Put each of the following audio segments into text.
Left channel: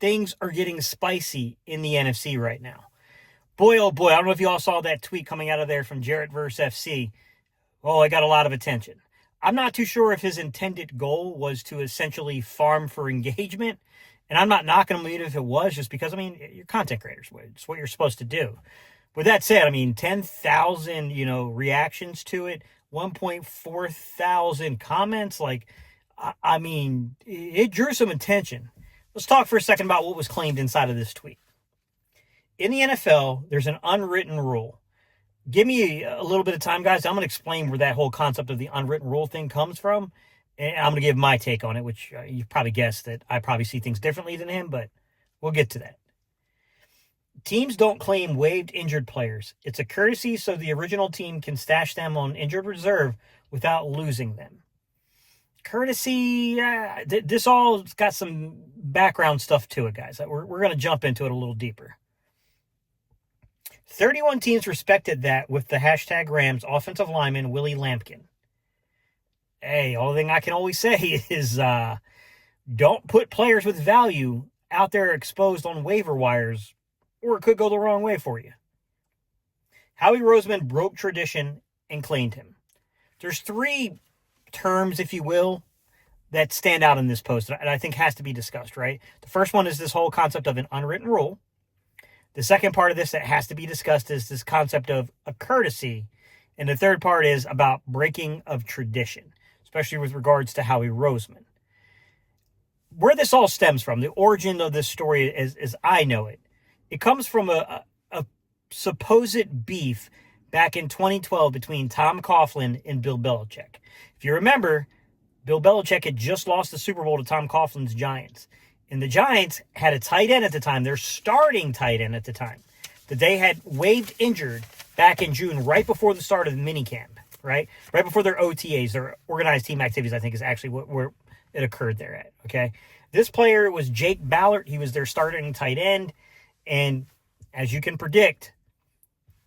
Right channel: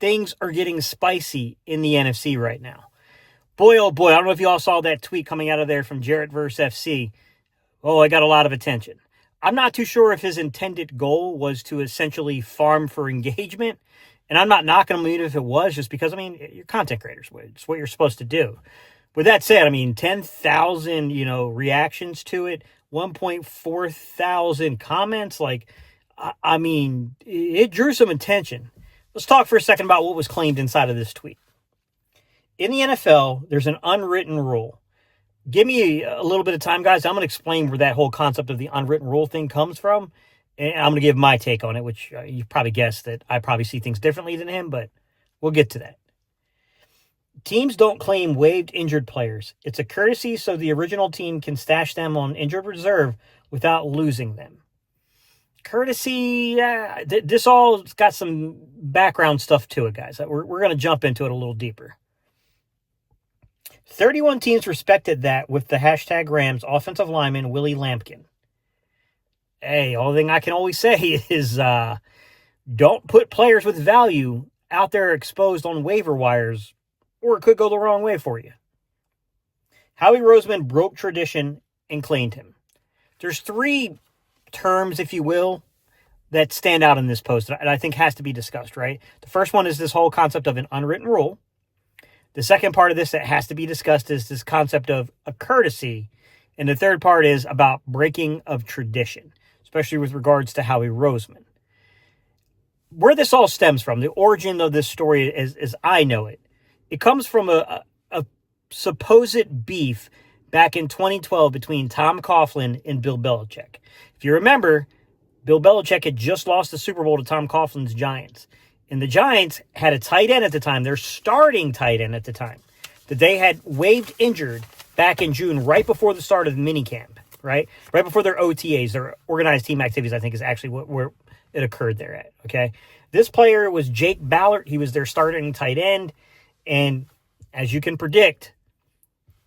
things are getting spicy in the NFC right now. Boy, oh boy, I don't know if you all saw that tweet coming out of there from Jarrett vs. FC. Oh, I got a lot of attention. I'm not too sure if his intended goal was to essentially farm for engagement. And I'm not knocking him even if it was, just because, I mean, you're content creators. It's what you're supposed to do. With that said, I mean, 10,000, reactions to it, 1.4 thousand comments. Like, I mean, it drew some attention. Let's talk for a second about what was claimed inside of this tweet. In the NFL, there's an unwritten rule. Give me a little bit of time, guys. I'm going to explain where that whole concept of the unwritten rule thing comes from. And I'm going to give my take on it, which you probably guessed that I probably see things differently than him, but we'll get to that. Teams don't claim waived injured players. It's a courtesy so the original team can stash them on injured reserve without losing them. Courtesy, this all got some background stuff to it, guys. We're going to jump into it a little deeper. 31 teams respected that with the hashtag Rams offensive lineman Willie Lampkin. Hey, only thing I can always say is don't put players with value out there exposed on waiver wires, or it could go the wrong way for you. Howie Roseman broke tradition and claimed him. There's three terms, if you will, that stand out in this post and I think has to be discussed, right? The first one is this whole concept of an unwritten rule. The second part of this that has to be discussed is this concept of a courtesy. And the third part is about breaking of tradition, especially with regards to Howie Roseman. Where this all stems from, the origin of this story, as I know it, it comes from a supposed beef back in 2012 between Tom Coughlin and Bill Belichick. If you remember, Bill Belichick had just lost the Super Bowl to Tom Coughlin's Giants. And the Giants had a tight end at the time, their starting tight end at the time, that they had waived injured back in June, right before the start of the minicamp, right? Right before their OTAs, their organized team activities, I think is actually where it occurred there at, okay? This player was Jake Ballard. He was their starting tight end. And as you can predict,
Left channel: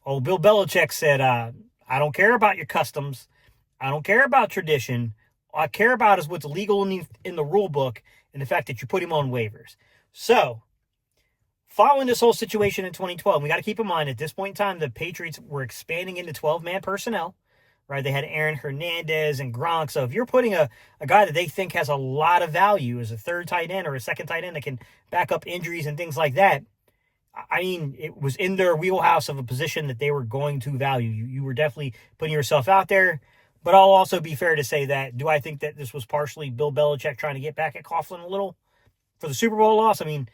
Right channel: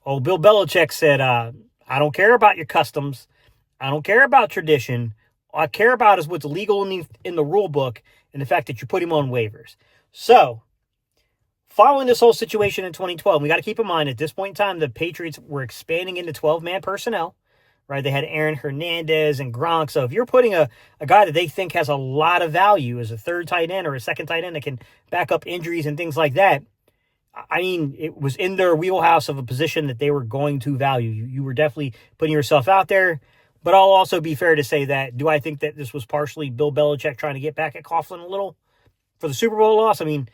old Bill Belichick said, I don't care about your customs. I don't care about tradition. All I care about is what's legal in the rule book and the fact that you put him on waivers. So, following this whole situation in 2012, we got to keep in mind at this point in time, the Patriots were expanding into 12-man personnel, right? They had Aaron Hernandez and Gronk. So if you're putting a guy that they think has a lot of value as a third tight end or a second tight end that can back up injuries and things like that, I mean, it was in their wheelhouse of a position that they were going to value. You were definitely putting yourself out there. But I'll also be fair to say that, do I think that this was partially Bill Belichick trying to get back at Coughlin a little for the Super Bowl loss? I mean,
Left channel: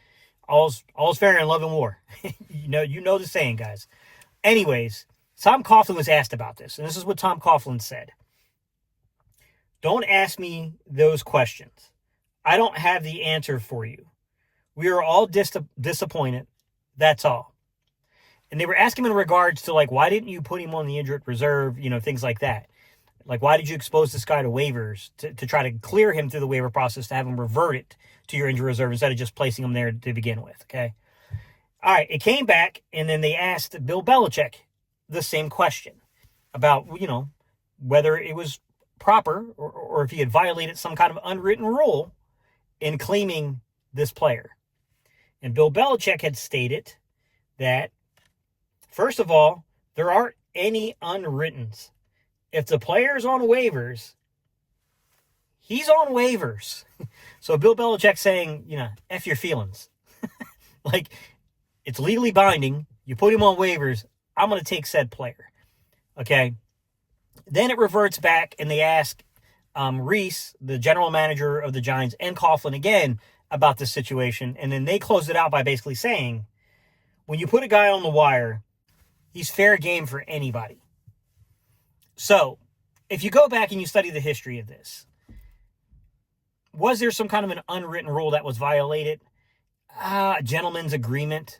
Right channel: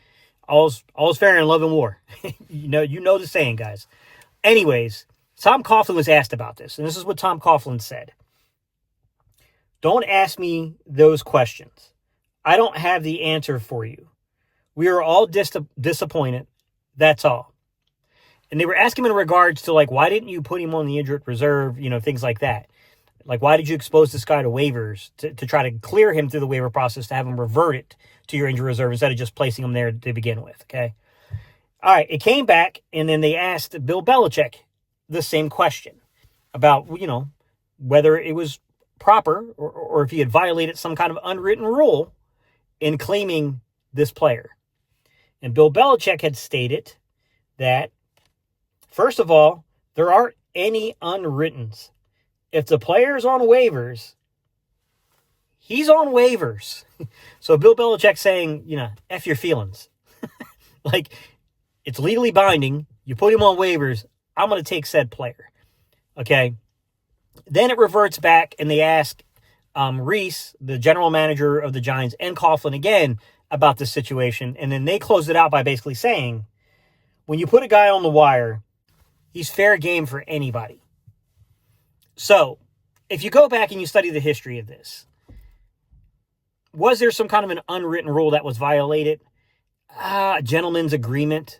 all's fair in love and war. you know the saying, guys. Anyways, Tom Coughlin was asked about this, and this is what Tom Coughlin said. Don't ask me those questions. I don't have the answer for you. We are all disappointed. That's all. And they were asking him in regards to, like, why didn't you put him on the injured reserve, things like that. Like, why did you expose this guy to waivers to try to clear him through the waiver process to have him revert it to your injury reserve instead of just placing him there to begin with, okay? All right, it came back, and then they asked Bill Belichick the same question about, whether it was proper or if he had violated some kind of unwritten rule in claiming this player. And Bill Belichick had stated that, first of all, there aren't any unwrittens. If the player's on waivers, he's on waivers. So Bill Belichick saying, F your feelings. Like, it's legally binding. You put him on waivers. I'm going to take said player. Okay. Then it reverts back and they ask Reese, the general manager of the Giants, and Coughlin again about this situation. And then they closed it out by basically saying, when you put a guy on the wire, he's fair game for anybody. So, if you go back and you study the history of this, was there some kind of an unwritten rule that was violated? A gentleman's agreement?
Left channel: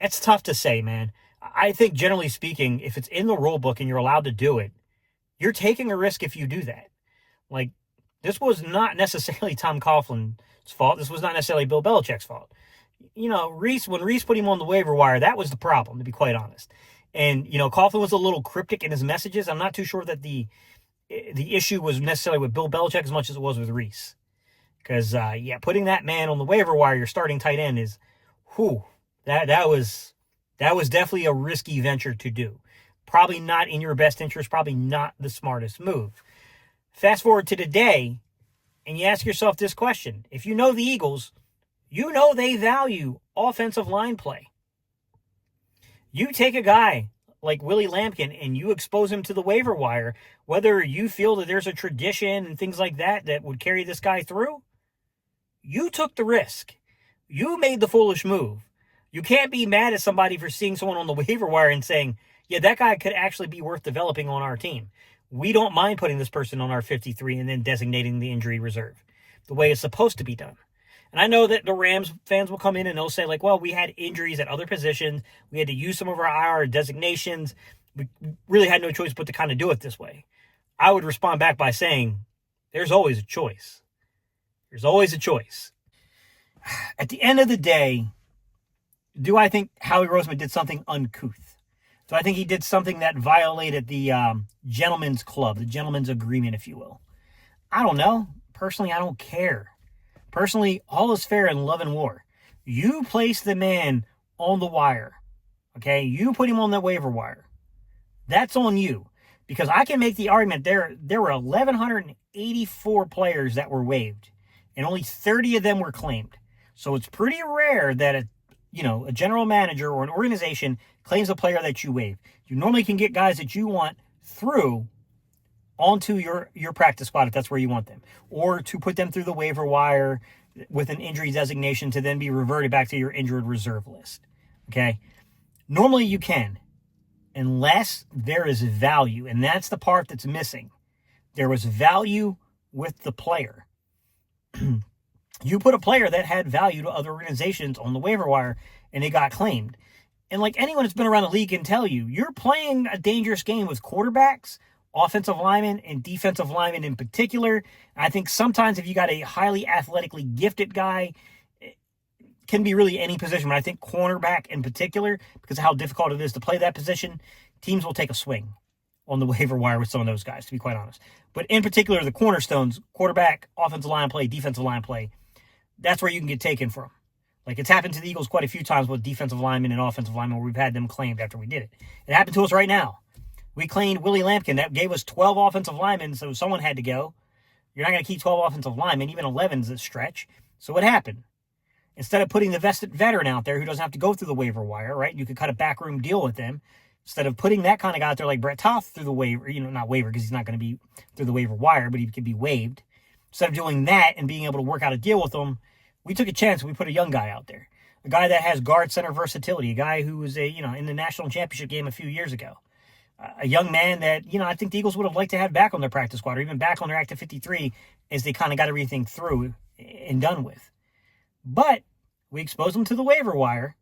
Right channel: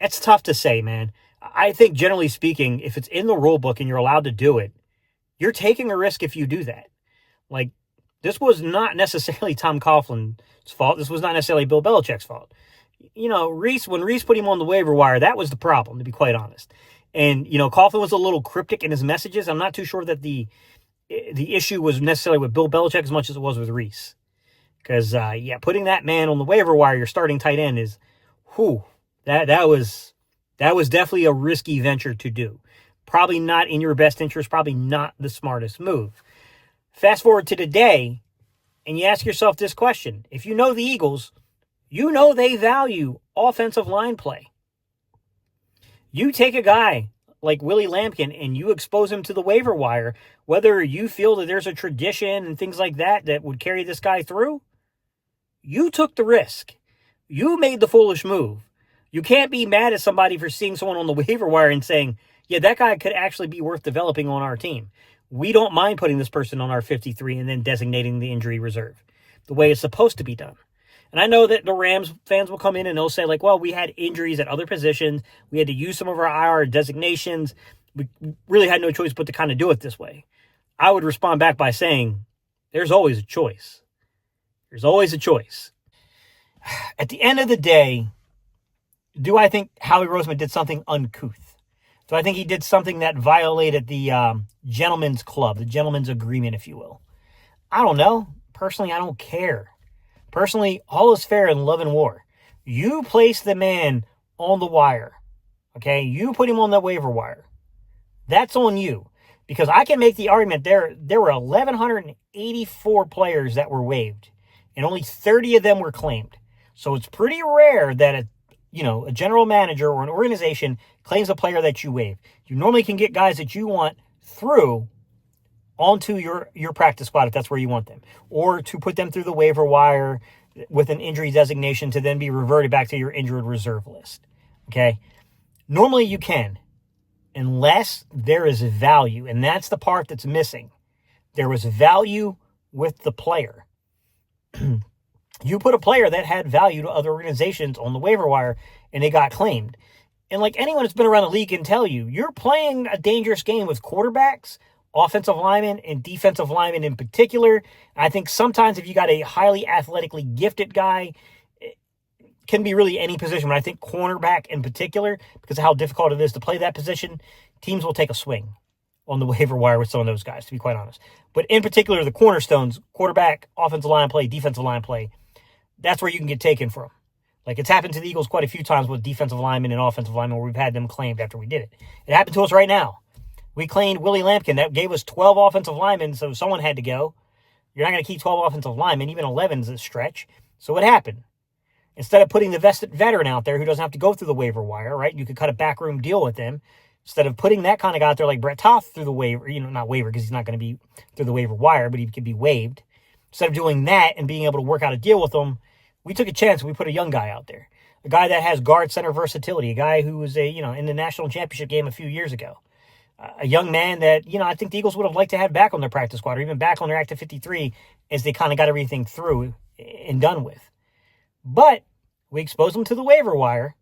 That's tough to say, man. I think, generally speaking, if it's in the rule book and you're allowed to do it, you're taking a risk if you do that. Like, this was not necessarily Tom Coughlin's fault. This was not necessarily Bill Belichick's fault. When Reese put him on the waiver wire, that was the problem, to be quite honest. And, Coughlin was a little cryptic in his messages. I'm not too sure that the issue was necessarily with Bill Belichick as much as it was with Reese. Because, putting that man on the waiver wire, your starting tight end, is, that was definitely a risky venture to do. Probably not in your best interest, probably not the smartest move. Fast forward to today, and you ask yourself this question. If you know the Eagles, you know they value offensive line play. You take a guy like Willie Lampkin and you expose him to the waiver wire, whether you feel that there's a tradition and things like that would carry this guy through, you took the risk. You made the foolish move. You can't be mad at somebody for seeing someone on the waiver wire and saying, yeah, that guy could actually be worth developing on our team. We don't mind putting this person on our 53 and then designating the injury reserve the way it's supposed to be done. And I know that the Rams fans will come in and they'll say, like, well, we had injuries at other positions. We had to use some of our IR designations. We really had no choice but to kind of do it this way. I would respond back by saying, there's always a choice. There's always a choice. At the end of the day, do I think Howie Roseman did something uncouth? Do I think he did something that violated the gentleman's club, the gentleman's agreement, if you will? I don't know. Personally, I don't care. Personally, all is fair in love and war. You place the man on the wire, okay? You put him on the waiver wire. That's on you. Because I can make the argument there were 1,184 players that were waived, and only 30 of them were claimed. So it's pretty rare that a general manager or an organization claims a player that you waive. You normally can get guys that you want through onto your practice squad if that's where you want them, or to put them through the waiver wire with an injury designation to then be reverted back to your injured reserve list. Okay? Normally you can, unless there is value, and that's the part that's missing. There was value with the player. You put a player that had value to other organizations on the waiver wire, and they got claimed. And like anyone that's been around the league can tell you, you're playing a dangerous game with quarterbacks, offensive linemen, and defensive linemen in particular. I think sometimes if you got a highly athletically gifted guy, it can be really any position. But I think cornerback in particular, because of how difficult it is to play that position, teams will take a swing on the waiver wire with some of those guys, to be quite honest. But in particular, the cornerstones, quarterback, offensive line play, defensive line play, that's where you can get taken from. Like, it's happened to the Eagles quite a few times with defensive linemen and offensive linemen where we've had them claimed after we did it. It happened to us right now. We claimed Willie Lampkin. That gave us 12 offensive linemen, so someone had to go. You're not going to keep 12 offensive linemen. Even 11 is a stretch. So what happened? Instead of putting the vested veteran out there who doesn't have to go through the waiver wire, right? You could cut a backroom deal with him. Instead of putting that kind of guy out there like Brett Toth through the waiver, not waiver because he's not going to be through the waiver wire, but he could be waived. Instead of doing that and being able to work out a deal with him, we took a chance and we put a young guy out there. A guy that has guard center versatility. A guy who was in the national championship game a few years ago. A young man that, I think the Eagles would have liked to have back on their practice squad or even back on their active 53 as they kind of got everything through and done with. But we exposed him to the waiver wire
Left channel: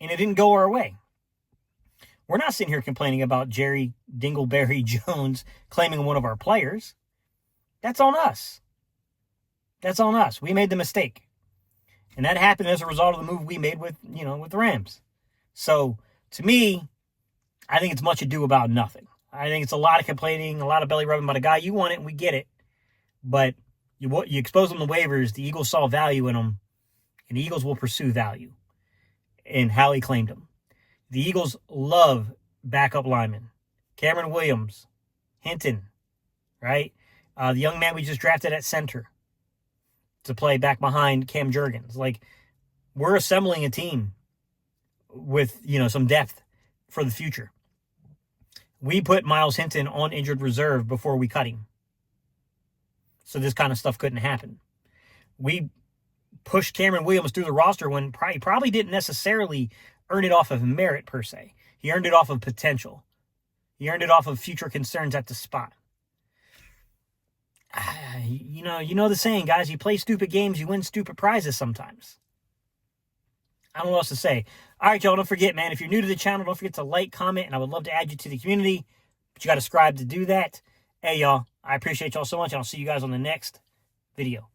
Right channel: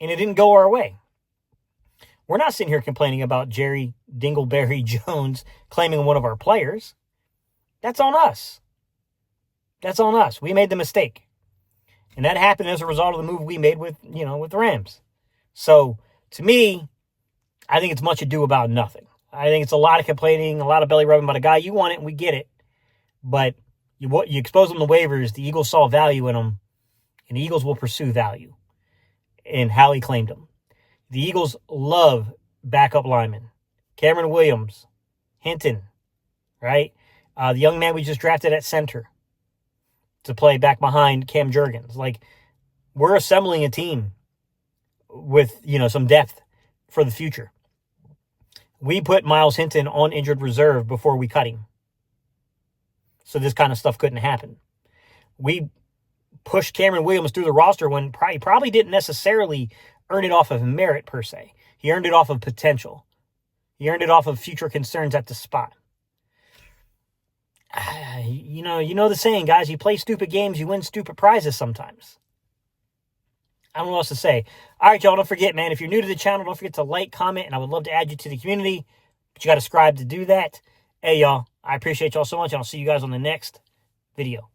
and it didn't go our way. We're not sitting here complaining about Jerry Dingleberry Jones claiming one of our players. That's on us. That's on us. We made the mistake. And that happened as a result of the move we made with the Rams. So, to me, I think it's much ado about nothing. I think it's a lot of complaining, a lot of belly rubbing about a guy. You want it, and we get it. But you expose them to waivers, the Eagles saw value in them, and the Eagles will pursue value. And Howie claimed them. The Eagles love backup linemen. Cameron Williams, Hinton, right? The young man we just drafted at center to play back behind Cam Jurgens. Like, we're assembling a team with, some depth for the future. We put Miles Hinton on injured reserve before we cut him. So this kind of stuff couldn't happen. We pushed Cameron Williams through the roster when he probably didn't necessarily earn it off of merit per se. He earned it off of potential. He earned it off of future concerns at the spot. You know the saying, guys, you play stupid games, you win stupid prizes sometimes. I don't know what else to say. All right, y'all, don't forget, man, if you're new to the channel, don't forget to like, comment, and I would love to add you to the community. But you got to subscribe to do that. Hey, y'all, I appreciate y'all so much, and I'll see you guys on the next video.